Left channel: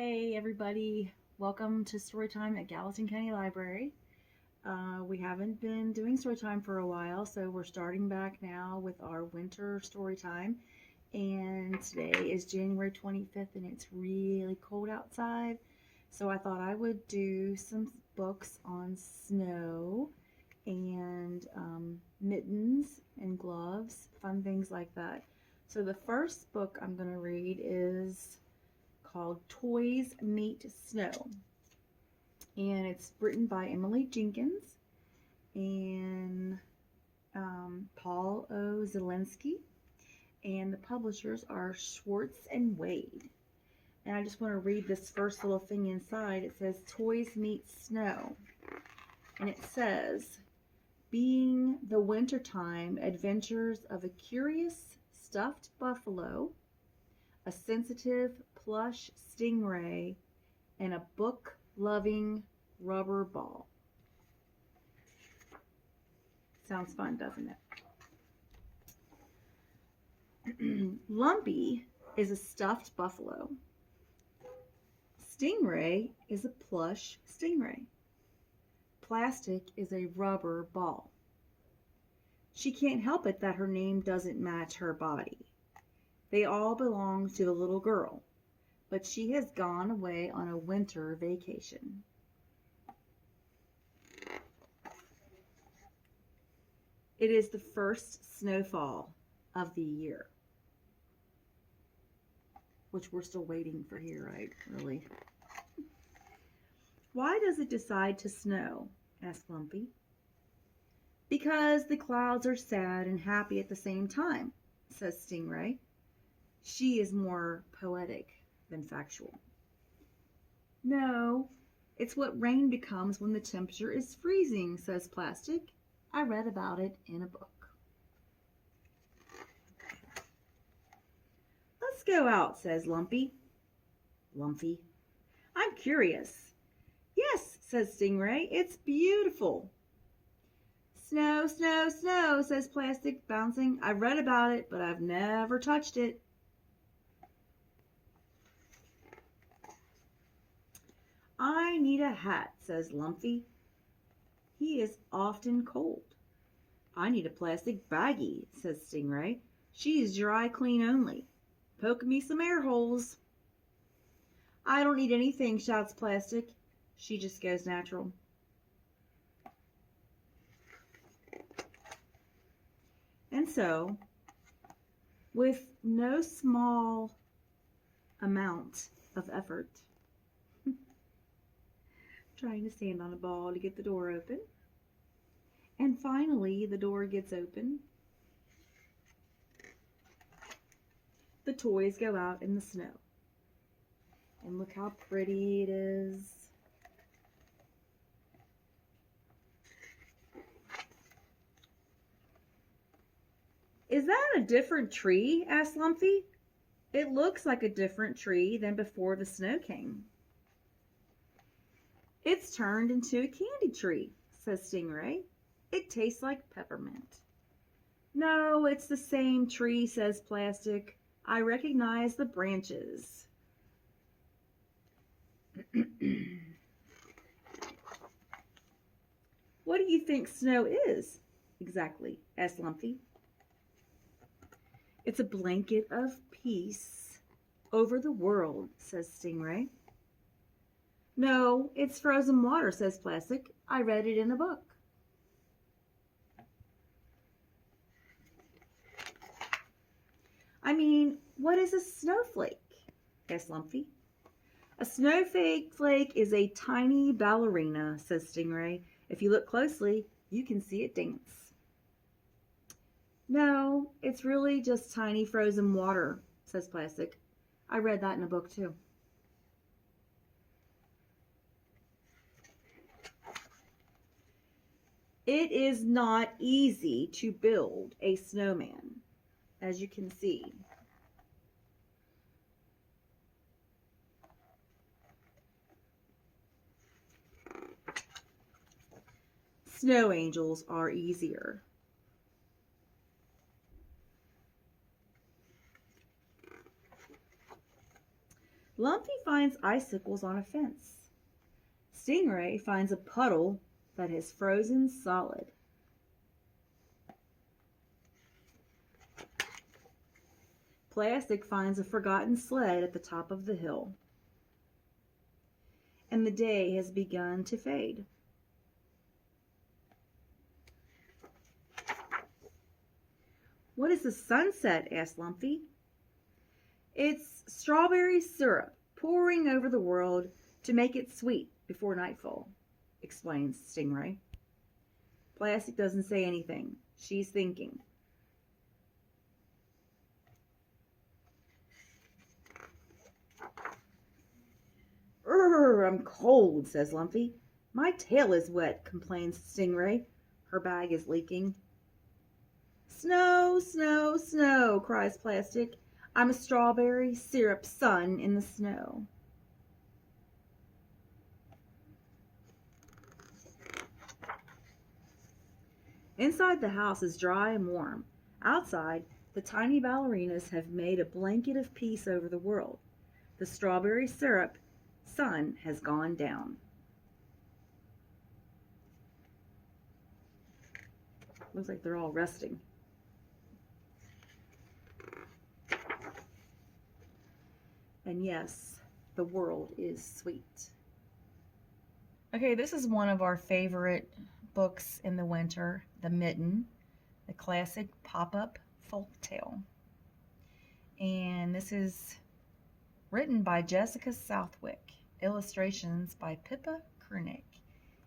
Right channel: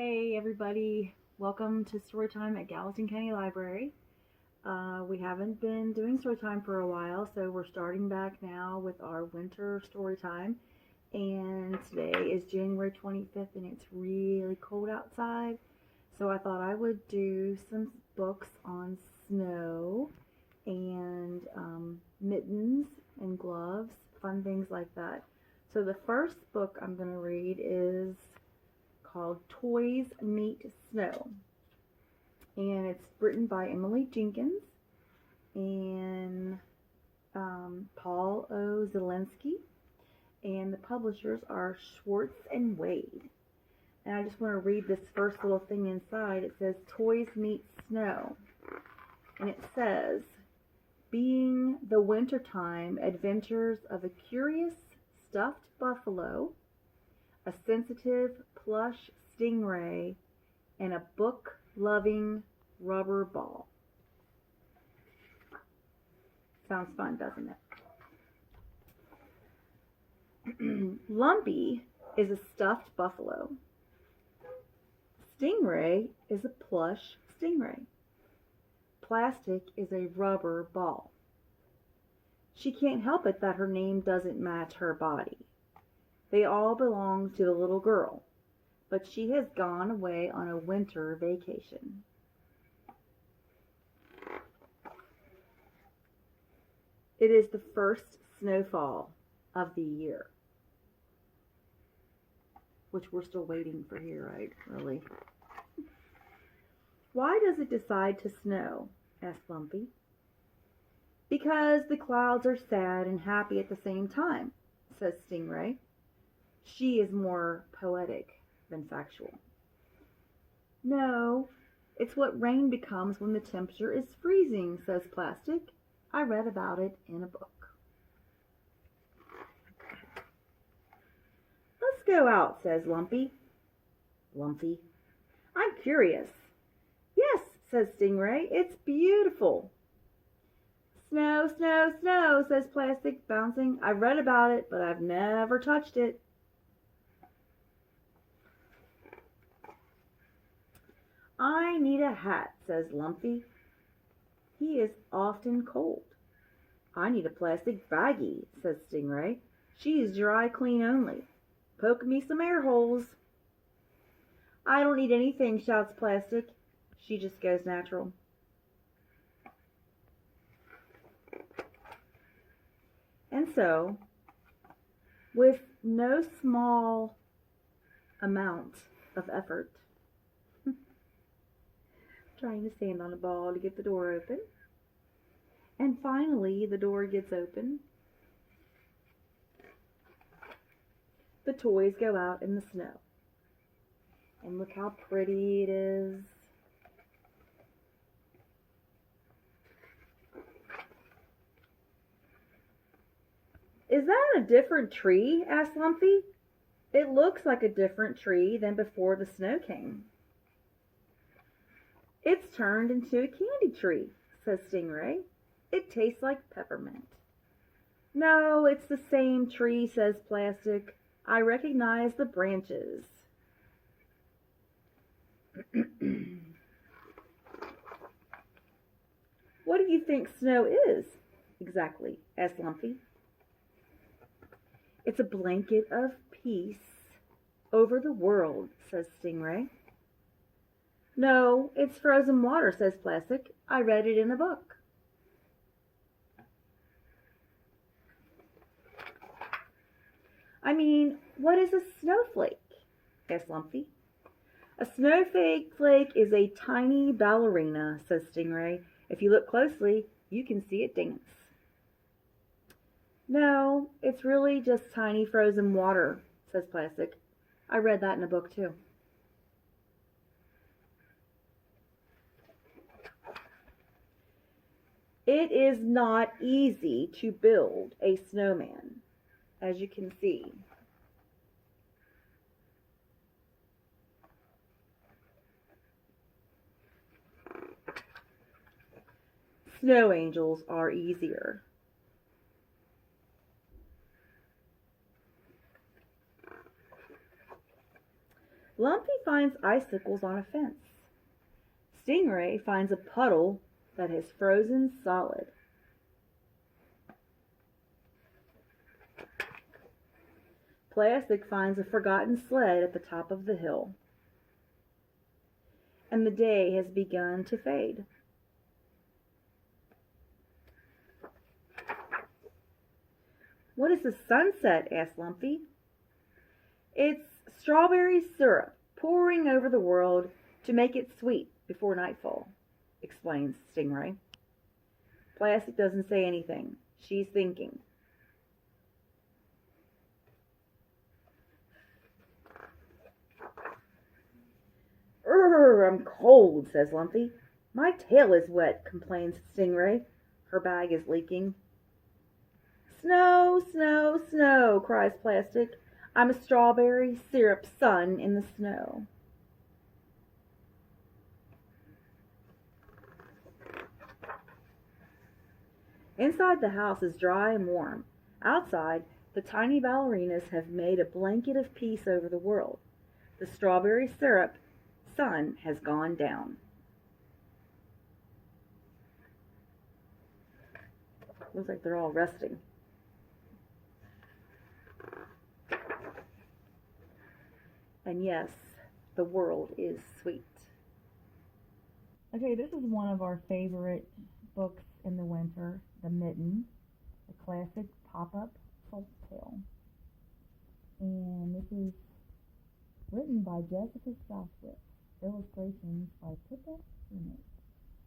Hey everybody, welcome to Storytime at Gallatin County Library. We haven't been doing storytime for a while, so we're starting back now with our winter storytime. And today is January 25th and it's really cold outside. So I thought I would do some books on snow and mittens and gloves, fun things like that. So the first book I'm going to read is called Toys Meet Snow. And it's written by Emily Jenkins and Paul O. Zelinsky. And the publishers are Schwartz and Wade. And I just want to read this first little thing inside. It says, Toys Meet Snow. And it says, being the wintertime adventures of a curious stuffed buffalo, a sensitive plush stingray, and a book-loving rubber ball. Sounds fun, doesn't it? Lumpy is a stuffed buffalo. Stingray is a plush stingray. Plastic is a rubber ball. She can't help it that her name doesn't match her body. They all belong to the little girl, but she has gone away on a winter vacation. It is the first snowfall of the year, which we're still waiting for here, right? Really? Why does it decide to snow? Asked Lumpy. Because the clouds are sad and happy at the same time, says Stingray. She is more poetic than factual. No, it's what rain becomes when the temperature is freezing, says Plastic. I read about it in a book. Let's go out, says Lumpy. Lumpy. I'm curious. Yes, says Stingray. It's beautiful. Snow, snow, snow, says Plastic, bouncing. I've read about it, but I've never touched it. I need a hat, says Lumpy. He is often cold. I need a plastic baggie, says Stingray. She's dry clean only. Poke me some air holes. I don't need anything, shouts Plastic. She just goes natural. And so, with no small amount of effort, trying to stand on a ball to get the door open. And finally, the door gets open. The toys go out in the snow. And look how pretty it is. Is that a different tree? Asked Lumpy. It looks like a different tree than before the snow came. It's turned into a candy tree, says Stingray. It tastes like peppermint. No, it's the same tree, says Plastic. I recognize the branches. What do you think snow is? Exactly, asked Lumpy. It's a blanket of peace over the world, says Stingray. No, it's frozen water, says Plastic. I read it in a book. I mean, what is a snowflake? Asked Lumpy. A snowflake is a tiny ballerina, says Stingray. If you look closely, you can see it dance. No, it's really just tiny frozen water, says Plastic. I read that in a book too. It is not easy to build a snowman, as you can see. Snow angels are easier. Lumpy finds icicles on a fence. Stingray finds a puddle that has frozen solid. Plastic finds a forgotten sled at the top of the hill. And the day has begun to fade. What is the sunset? Asked Lumpy. It's strawberry syrup pouring over the world to make it sweet before nightfall, explains Stingray. Plastic doesn't say anything. She's thinking. I'm cold, says Lumpy. My tail is wet, complains Stingray. Her bag is leaking. Snow, snow, snow, cries Plastic. I'm a strawberry syrup sun in the snow. Inside the house is dry and warm. Outside, the tiny ballerinas have made a blanket of peace over the world. The strawberry syrup sun has gone down. Looks like they're all resting. And yes, the world is sweet. Okay, this is one of our favorite books in the winter, The Mitten, the classic Pop-up Folktale. And this is written by Jessica Southwick, illustrations by Pippa Kernick,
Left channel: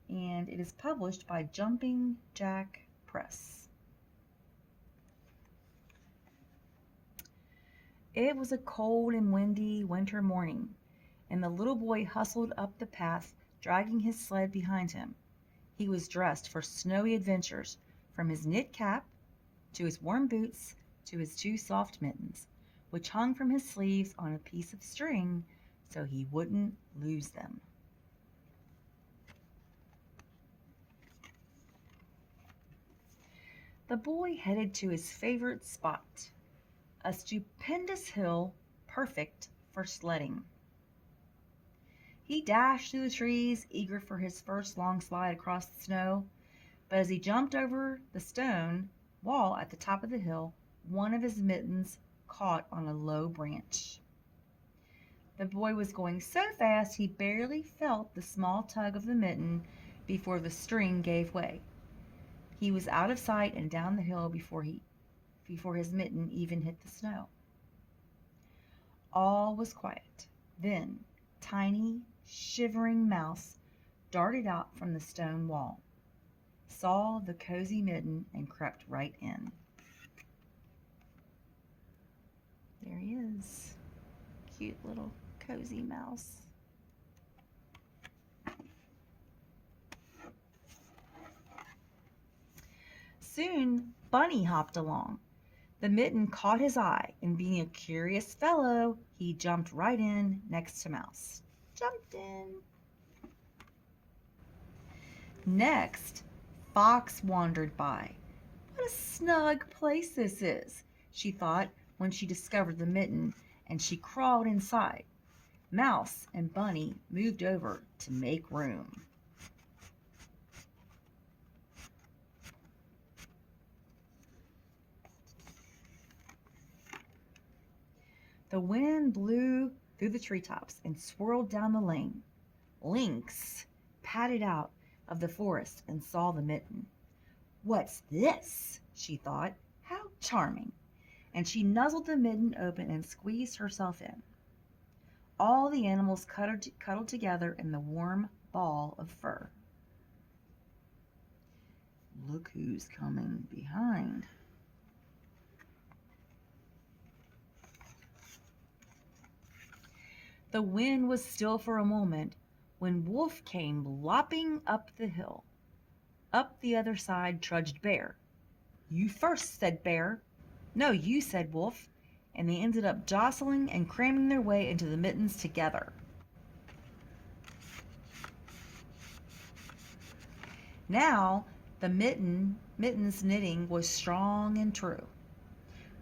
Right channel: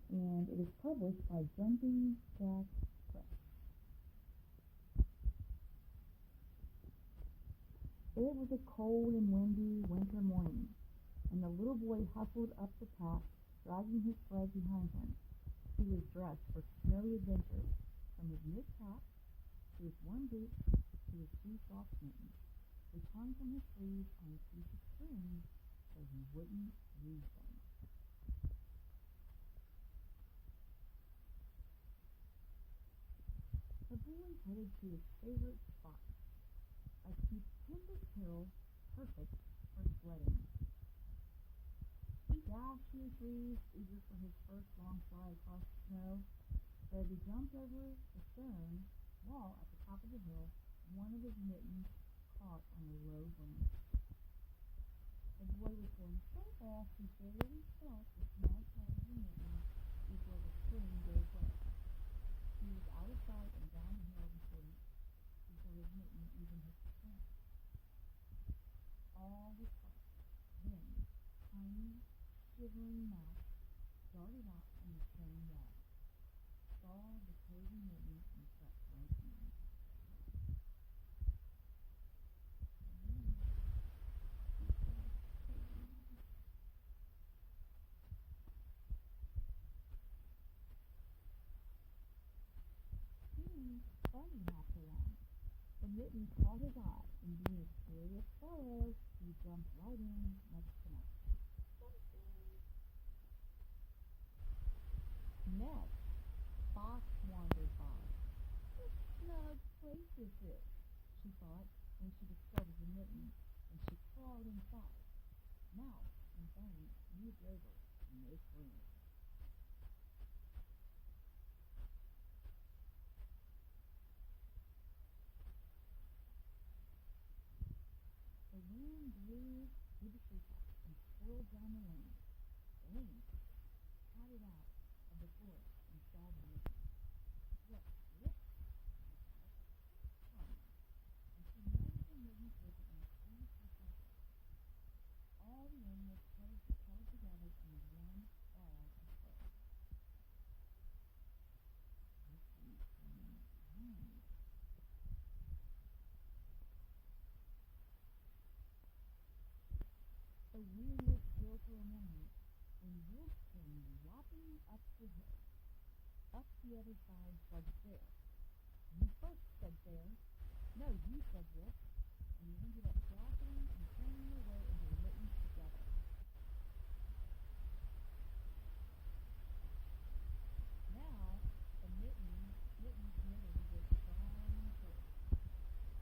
and it is published by Jumping Jack Press. It was a cold and windy winter morning, and the little boy hustled up the path, dragging his sled behind him. He was dressed for snowy adventures, from his knit cap, to his warm boots, to his 2 soft mittens, which hung from his sleeves on a piece of string so he wouldn't lose them. The boy headed to his favorite spot, a stupendous hill perfect for sledding. He dashed through the trees, eager for his first long slide across the snow, but as he jumped over the stone wall at the top of the hill, one of his mittens caught on a low branch. The boy was going so fast he barely felt the small tug of the mitten before the string gave way. He was out of sight and down the hill before his mitten even hit the snow. All was quiet. Then tiny, shivering Mouse darted out from the stone wall, saw the cozy mitten, and crept right in. There he is. Cute little cozy mouse. Soon Bunny hopped along. The mitten caught his eye, and being a curious fellow, he jumped right in next to Mouse. Jumped in. Next, Fox wandered by. What a snug place this is, she thought when she discovered the mitten, and she crawled inside. Mouse and Bunny moved over to make room. The wind blew through the treetops and swirled down the lane. Lynx padded out of the forest and saw the mitten. What's this? She thought. How charming. And she nuzzled the mitten open and squeezed herself in. All the animals cuddled together in the warm ball of fur. Look who's coming behind. The wind was still for a moment when Wolf came lopping up the hill. Up the other side trudged Bear. You first, said Bear. No, you, said Wolf, and they ended up jostling and cramming their way into the mittens together. Now the mitten's knitting was strong and true,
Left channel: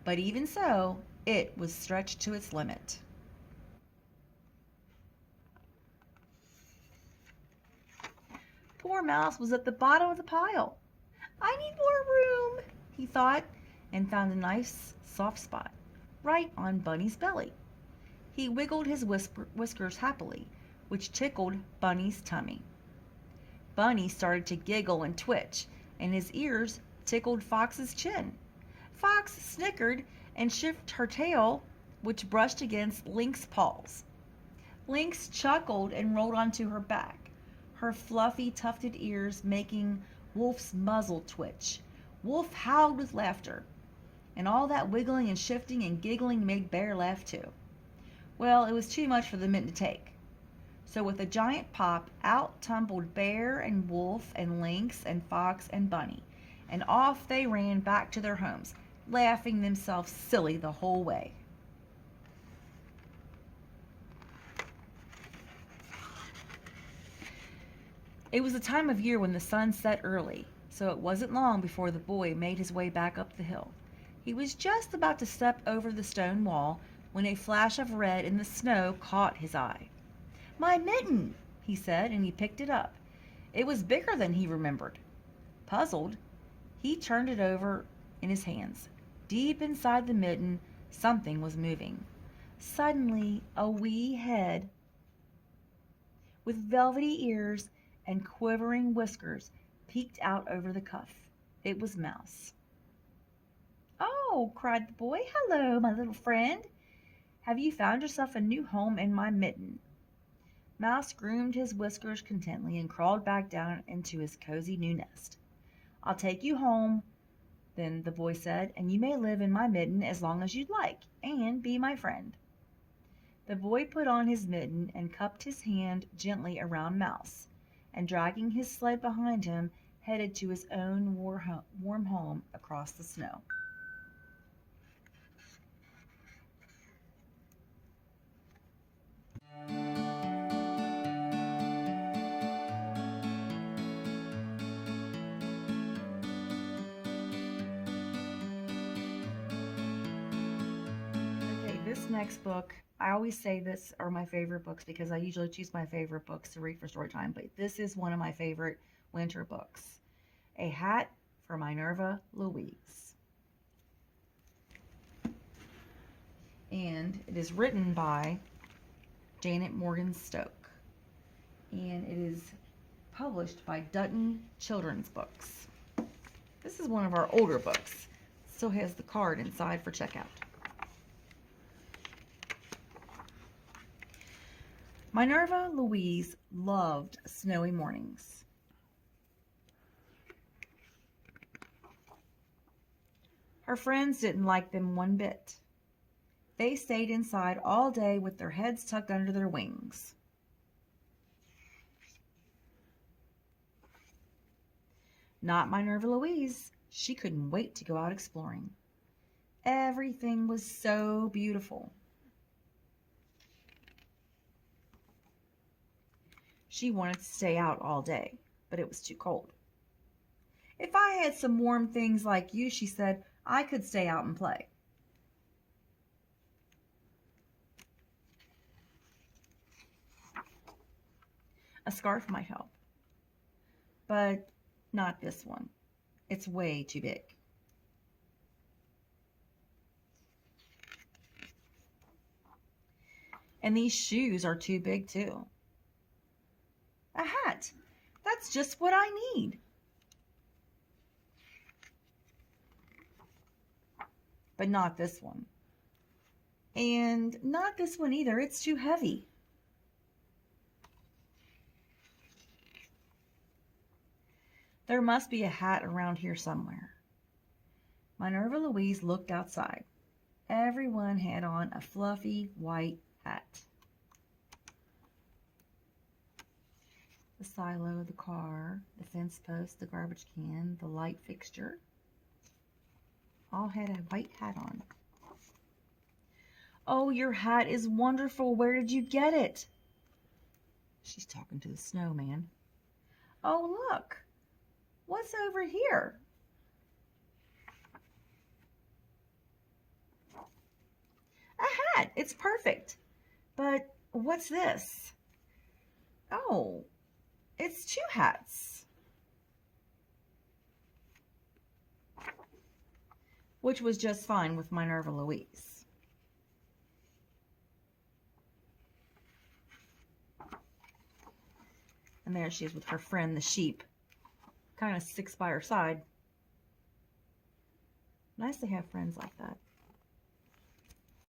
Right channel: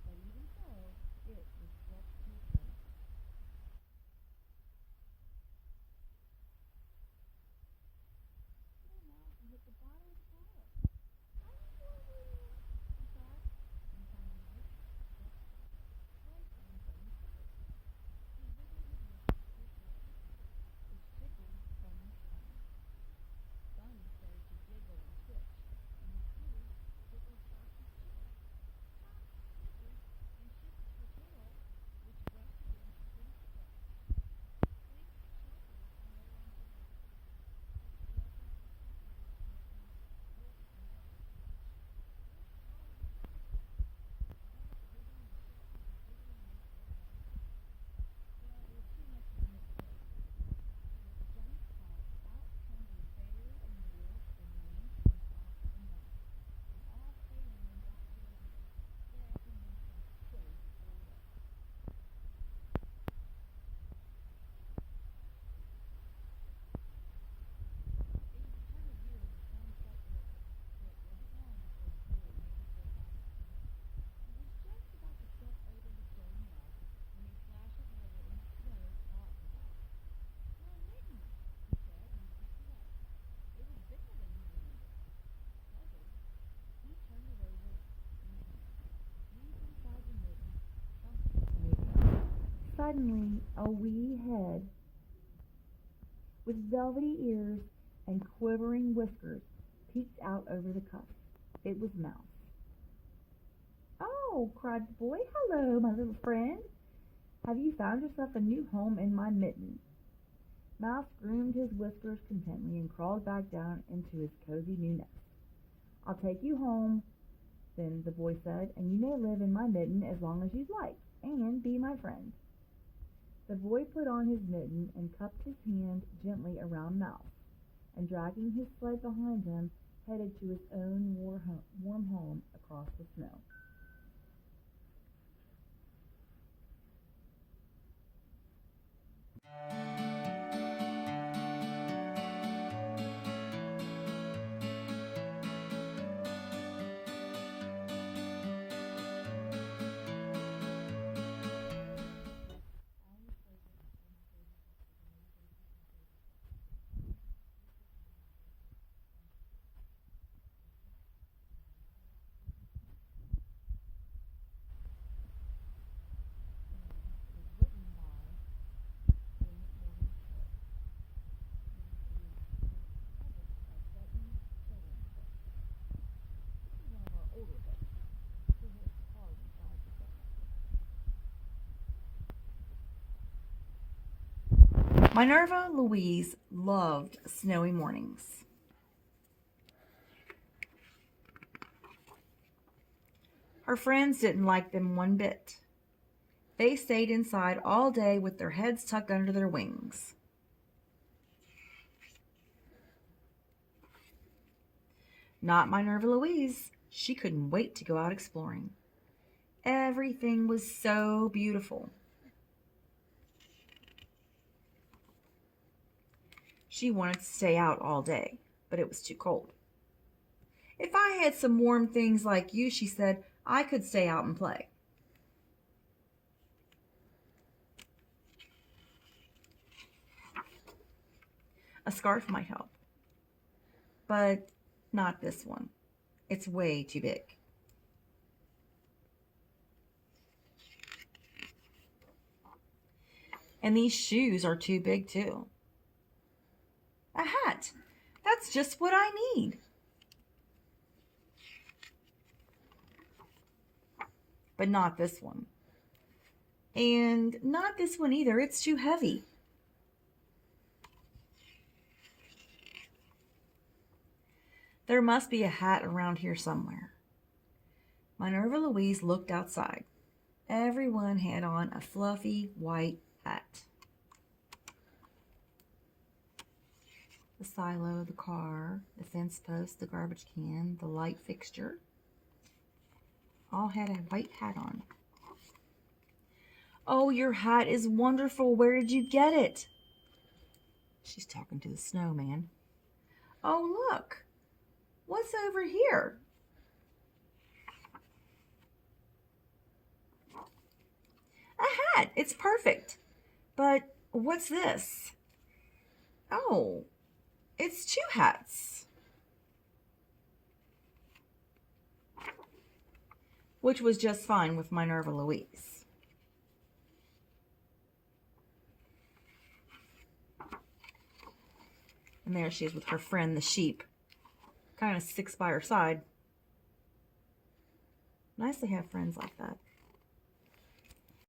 but even so, it was stretched to its limit. poor mouse was at the bottom of the pile. I need more room, he thought, and found a nice soft spot right on Bunny's belly. He wiggled his whiskers happily, which tickled Bunny's tummy. Bunny started to giggle and twitch, and his ears tickled Fox's chin. Fox snickered and shifted her tail, which brushed against Link's paws. Lynx chuckled and rolled onto her back, her fluffy, tufted ears making Wolf's muzzle twitch. Wolf howled with laughter, and all that wiggling and shifting and giggling made Bear laugh too. Well, it was too much for the Mitten to take. So with a giant pop, out tumbled Bear and Wolf and Lynx and Fox and Bunny, and off they ran back to their homes, laughing themselves silly the whole way. It was a time of year when the sun set early, so it wasn't long before the boy made his way back up the hill. He was just about to step over the stone wall when a flash of red in the snow caught his eye. "My mitten," he said, and he picked it up. It was bigger than he remembered. Puzzled, he turned it over in his hands. Deep inside the mitten, something was moving. Suddenly, a wee head with velvety ears and quivering whiskers peeked out over the cuff. It was Mouse. "Oh," cried the boy, "hello, my little friend. Have you found yourself a new home in my mitten?" Mouse groomed his whiskers contentedly and crawled back down into his cozy new nest. "I'll take you home, then," the boy said, "and you may live in my mitten as long as you'd like, and be my friend." The boy put on his mitten and cupped his hand gently around Mouse, and dragging his sled behind him, headed to his own warm home across the snow. This next book, I always say this are my favorite books because I usually choose my favorite books to read for story time, but this is one of my favorite winter books. A Hat for Minerva, Louise. And it is written by Janet Morgan Stoeke. And it is published by Dutton Children's Books. This is one of our older books. It still has the card inside for checkout. Minerva Louise loved snowy mornings. Her friends didn't like them one bit. They stayed inside all day with their heads tucked under their wings. Not Minerva Louise. She couldn't wait to go out exploring. Everything was so beautiful. She wanted to stay out all day, but it was too cold. "If I had some warm things like you," she said, "I could stay out and play." A scarf might help, but not this one. It's way too big. And these shoes are too big too. A hat. That's just what I need. But not this one. And not this one either. It's too heavy. There must be a hat around here somewhere. Minerva Louise looked outside. Everyone had on a fluffy white hat. The silo, the car, the fence post, the garbage can, the light fixture, all had a white hat on. "Oh, your hat is wonderful. Where did you get it?" She's talking to the snowman. "Oh, look. What's over here?" "A hat. It's perfect. But what's this?" "Oh, it's two hats." which was just fine with Minerva Louise. And there she is with her friend, the sheep, kind of sticks by her side. Nice to have friends like that.